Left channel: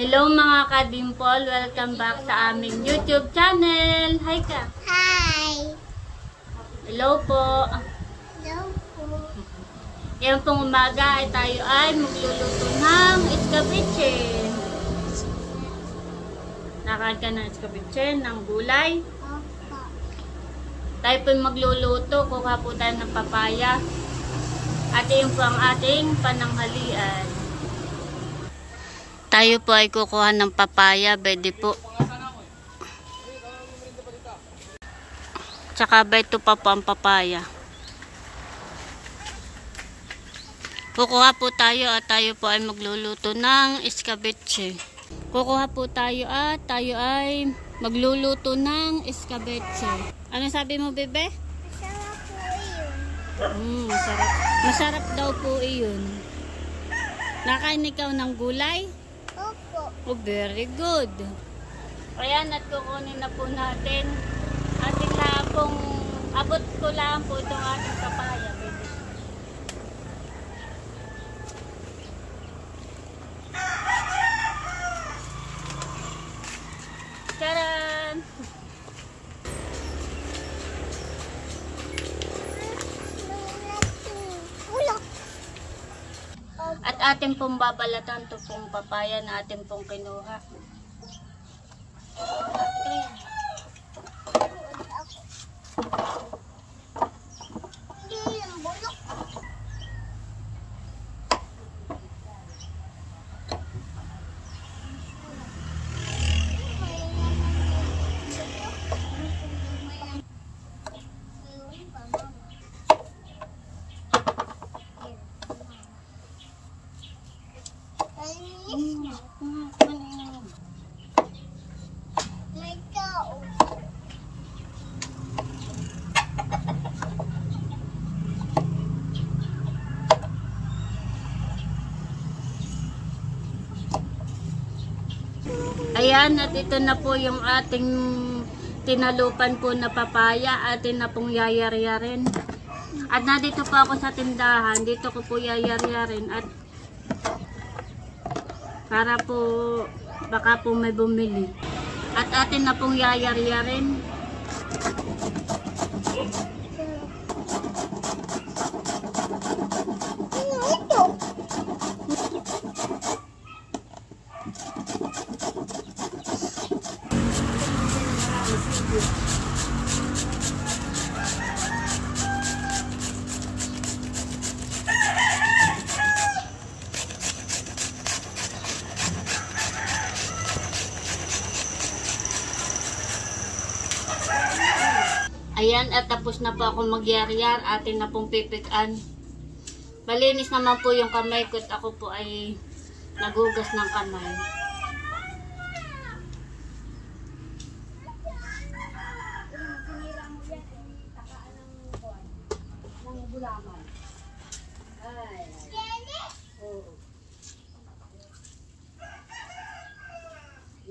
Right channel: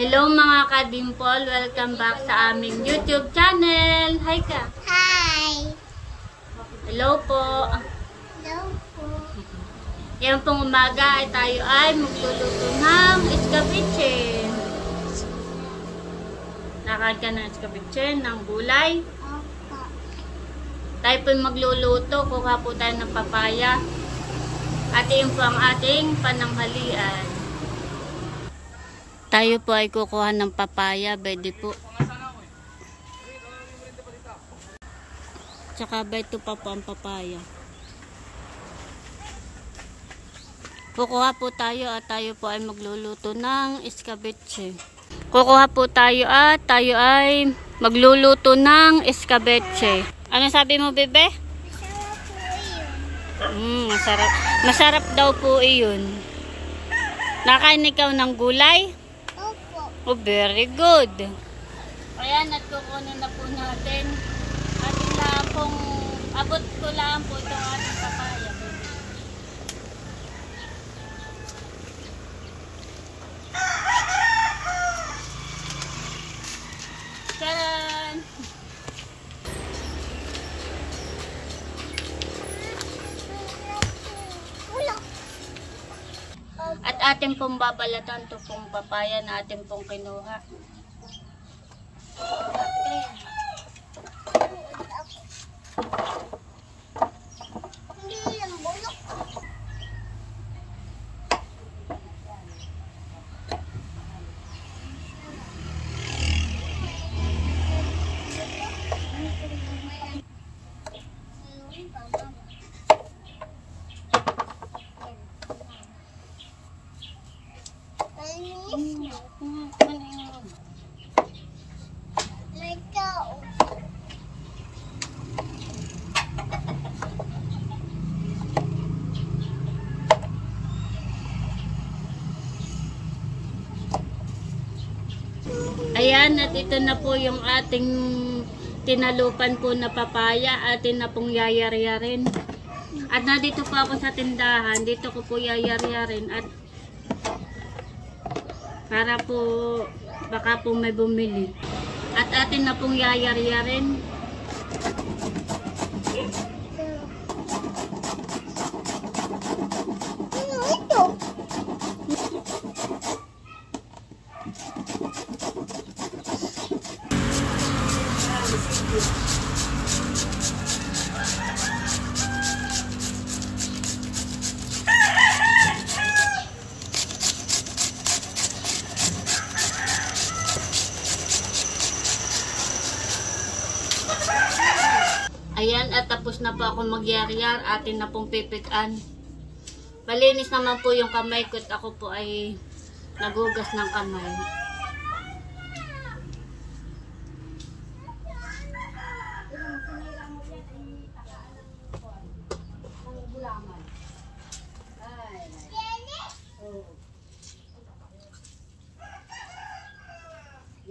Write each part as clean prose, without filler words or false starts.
Hello mga ka-dimple, welcome back sa aming YouTube channel. Hi ka. Hi. Hello po. Hello po. Yan pong umaga ay tayo ay magluluto ng escabeche. Nakain ka ng escabeche, ng gulay. Opo. Tayo po magluluto, kuha po tayo ng papaya. At yun po ang ating pananghalian. Tayo po ay kukuha ng papaya, pwede po. Tsaka ba ito pa po ang papaya. Kukuha po tayo at tayo po ay magluluto ng escabeche. Kukuha po tayo at tayo ay magluluto ng escabeche. Ano sabi mo, bebe? Masarap po iyon. Masarap. Masarap daw po iyon. Nakain ikaw ng gulay? Opo. Oh, very good. Ayan, at kukunin na po natin. Ating lang pong, abot ko lang po itong ating papaya. Baby. Taran! At ating pong babalatan ito pong papaya na ating pong kinuha. Ayan, at ito na po yung ating tinalupan po na papaya. Atin na pong yayaryarin. At nandito po ako sa tindahan. Dito ko po yayaryarin. At para po baka po may bumili. At atin na pong yayaryarin. Ayan, at tapos na po ako magyar-yar. Atin na pong pipikan. Malinis naman po yung kamay ko at ako po ay nagugas ng kamay.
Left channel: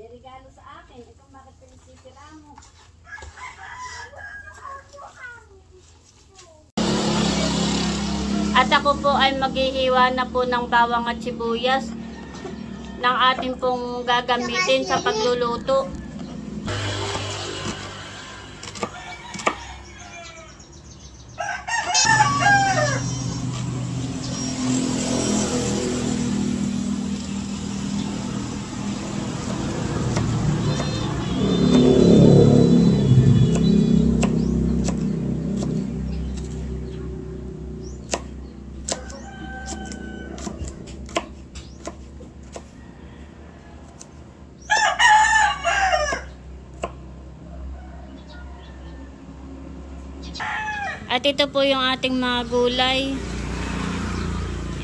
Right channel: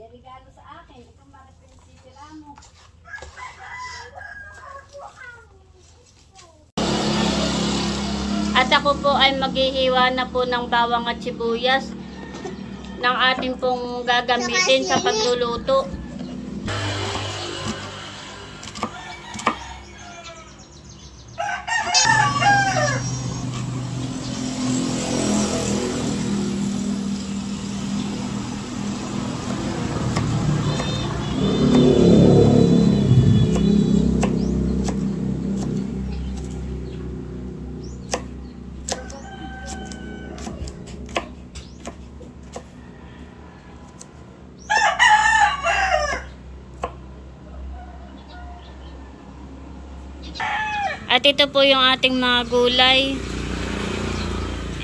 Regalo sa akin. Ito bakit pinisipira mo? At ako po ay maghihiwa na po ng bawang at sibuyas ng ating pong gagamitin sa pagluluto. At ito po yung ating mga gulay.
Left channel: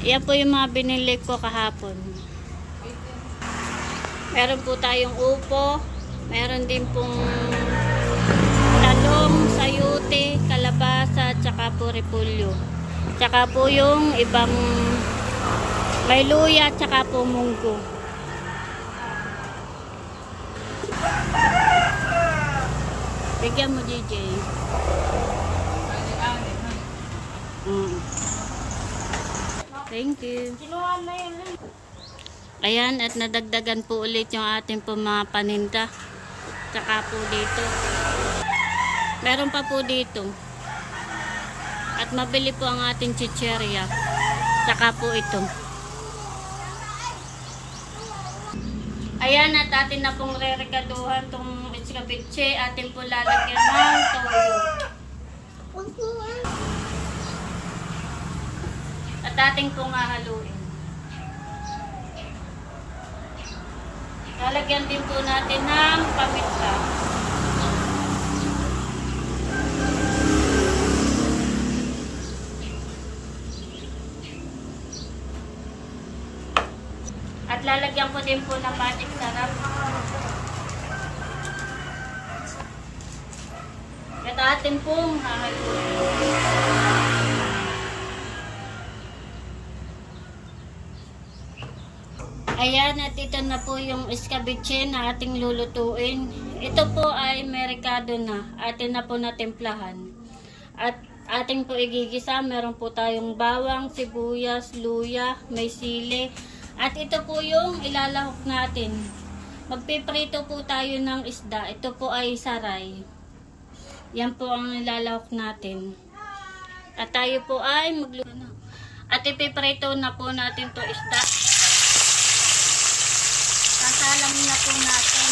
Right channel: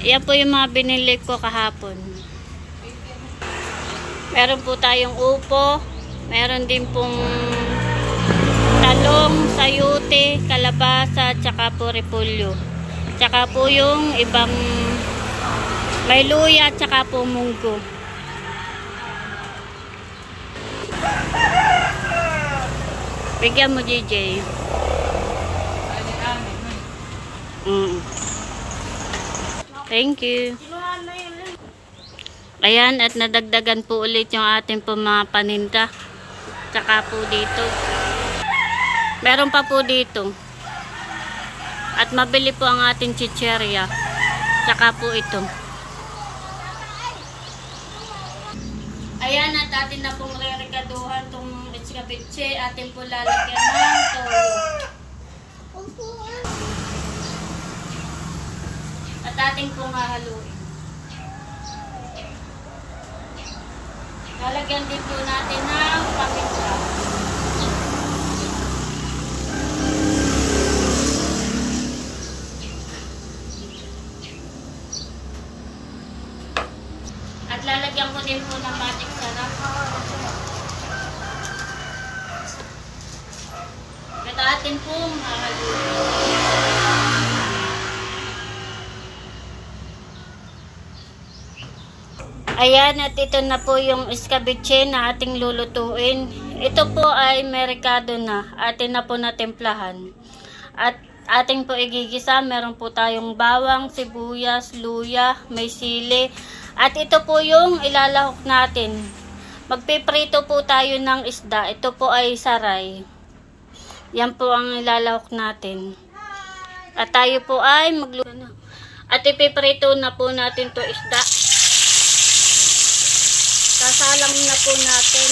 Yan po yung mga binili ko kahapon. Meron po tayong upo. Meron din pong talong, sayute, kalabasa, tsaka po repolyo. Tsaka po yung ibang may luya, tsaka po munggo. Bigyan mo, JJ. Thank you. Ayan, at nadagdagan po ulit yung ating po mga paninda. Tsaka po dito. Meron pa po dito. At mabili po ang ating chicherya. Tsaka po ito. Ayan, at atin na pong re-regaduhan itong escabeche. Atin po lalagyan ng toyo. At ating pong hahaluin. Lalagyan din po natin ng paminta. At lalagyan ko din po ng magic sarap. At atin pong hahaluin. Ayan, at ito na po yung escabeche na ating lulutuin. Ito po ay merikado na. Atin na po natimplahan. At ating po igigisa. Meron po tayong bawang, sibuyas, luya, may sili. At ito po yung ilalahok natin. Magpiprito po tayo ng isda. Ito po ay saray. Yan po ang ilalahok natin. At tayo po ay magluto. At ipiprito na po natin to isda. Sasalang na po natin.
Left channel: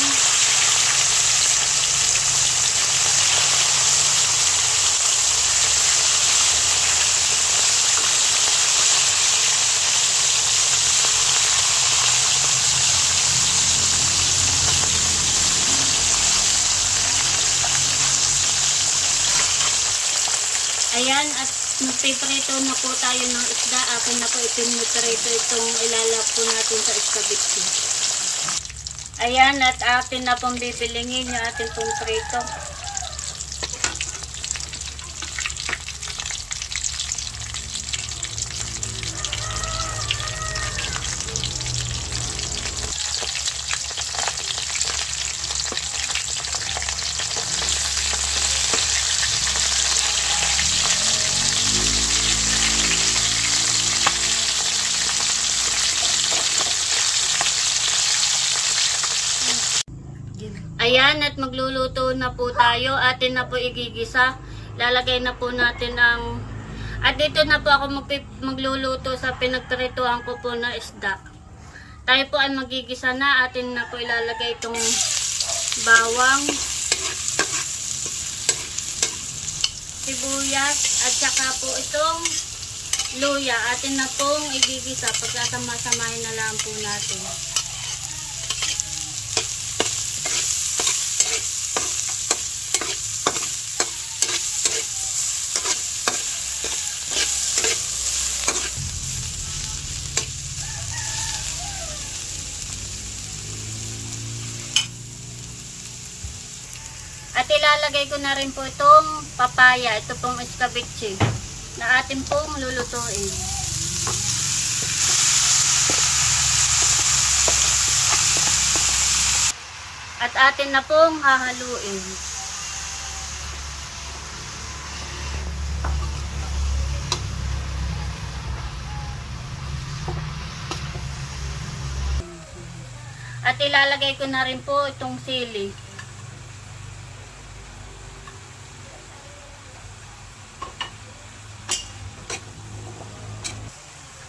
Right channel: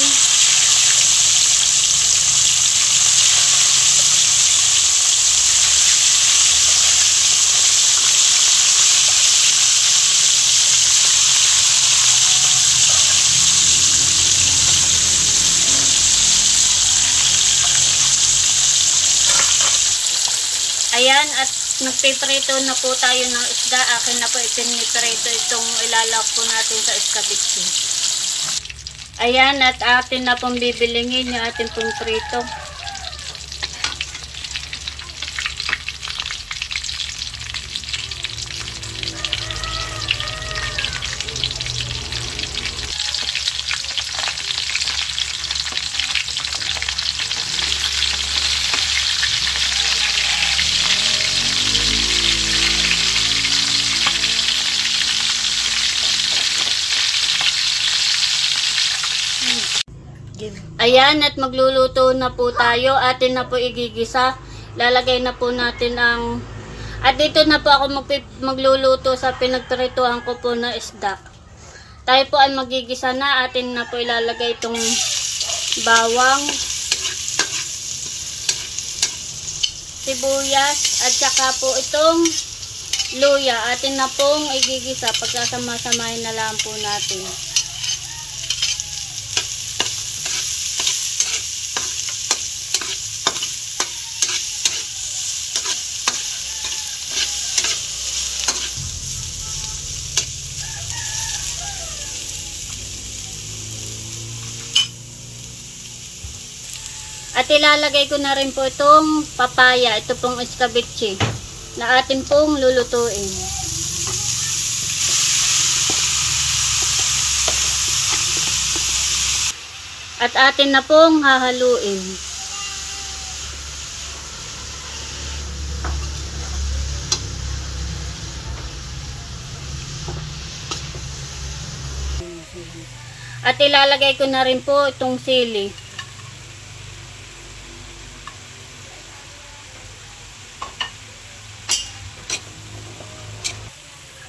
Ayan, at nagpiprito na po tayo ng isda. Akin na po ipiniprito itong ilalawak po natin sa escabeche. Ayan, at atin na pong bibilingin yung ating pong prito. Ayan, at magluluto na po tayo. Atin na po igigisa. Lalagay na po natin ang... At dito na po ako magluluto sa pinagprituhan ko po na isda. Tayo po ay magigisa na. Atin na po ilalagay itong bawang, sibuyas, at saka po itong luya. Atin na pong igigisa. Pagkasama-samahin na lang po natin. At ilalagay ko na rin po itong papaya, ito pong escabeche na atin pong lulutuin. At atin na pong hahaluin. At ilalagay ko na rin po itong sili.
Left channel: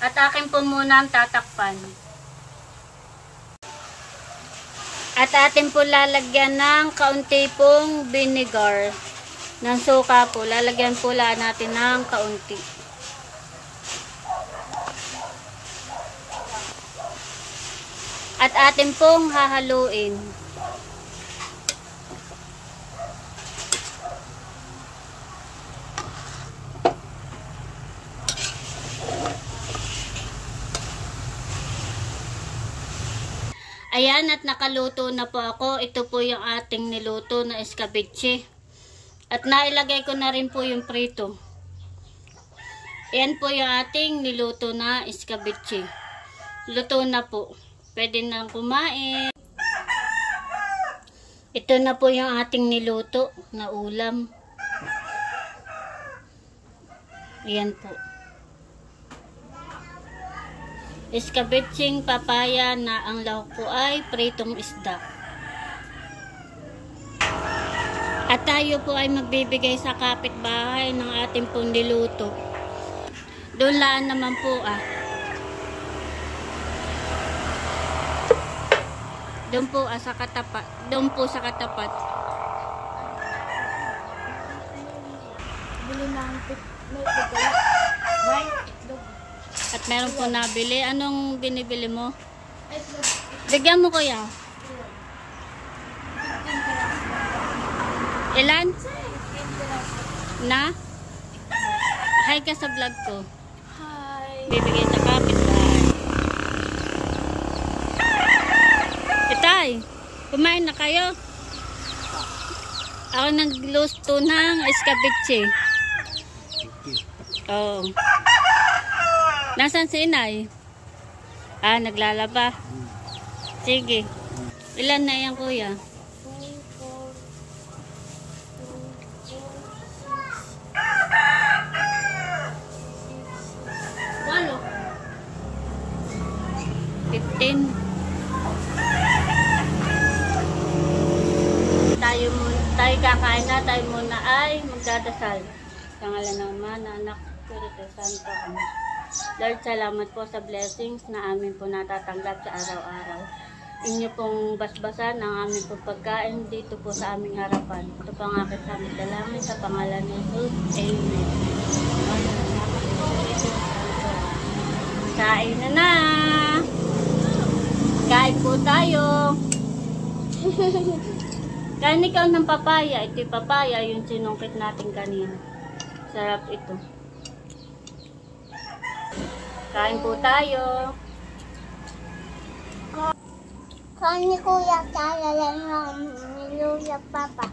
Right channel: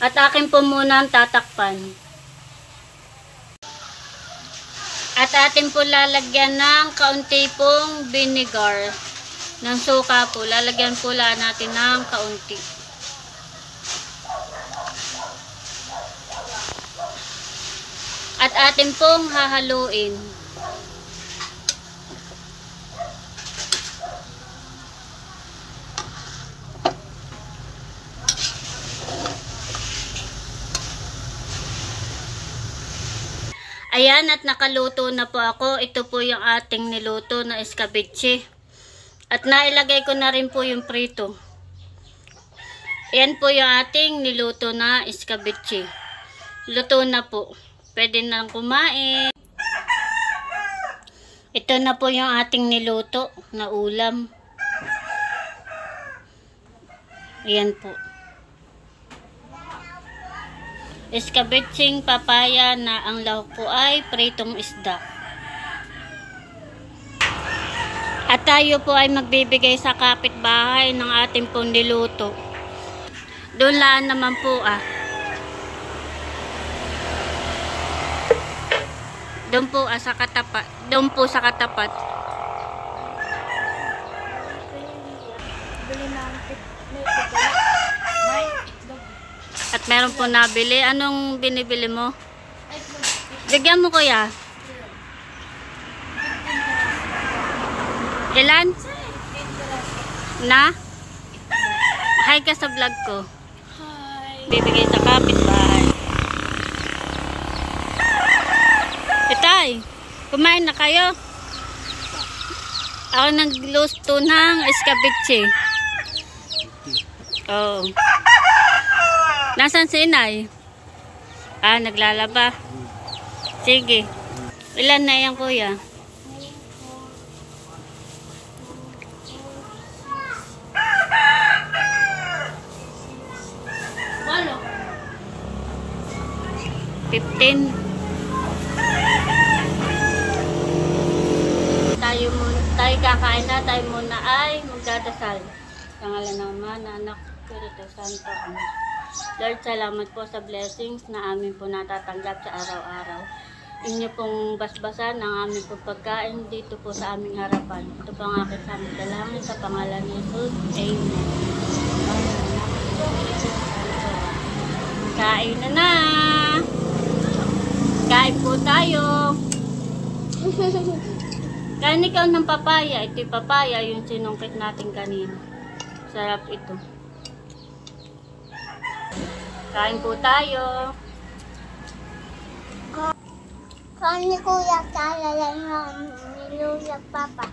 At akin po muna ang tatakpan. At atin po lalagyan ng kaunti pong vinegar. Ng suka po. Lalagyan po natin ng kaunti. At atin pong hahaluin. Ayan, at nakaluto na po ako. Ito po yung ating niluto na escabeche. At nailagay ko na rin po yung prito. Ayan po yung ating niluto na escabeche. Luto na po. Pwede nang kumain. Ito na po yung ating niluto na ulam. Ayan po. Iskabitsing papaya na ang lahok po ay pritong isda. At tayo po ay magbibigay sa kapitbahay ng ating pong niluto. Doon lang naman po Doon po sa katapat. Doon po sa katapat. At meron po nabili. Anong binibili mo? Bigyan mo kuya. Ilan? Na? Hi ka sa vlog ko. Hi. Bibigay sa kapitbahay. Itay, kumain na kayo? Ako nagluto ng escabeche. Oh. Nasaan si inay? Naglalaba. Sige. Ilan na yan kuya? 15. Tayo kakain na, tayo muna ay magdadasal. Sa ngalan ng Ama, ng Anak, Espiritu Santo. Amen. Lord, salamat po sa blessings na amin po natatanggap sa araw-araw. Inyo pong basbasan ang aming pagkain dito po sa aming harapan. Ito po ang aking samang dalangin sa pangalan ni Jesus. Amen. Kain na! Kain po tayo! Kain ikaw ng papaya. Ito yung papaya, yung sinungkit natin kanina. Sarap ito. Kain po tayo. Kung ni Kuya kaya lang ng nilulag papa.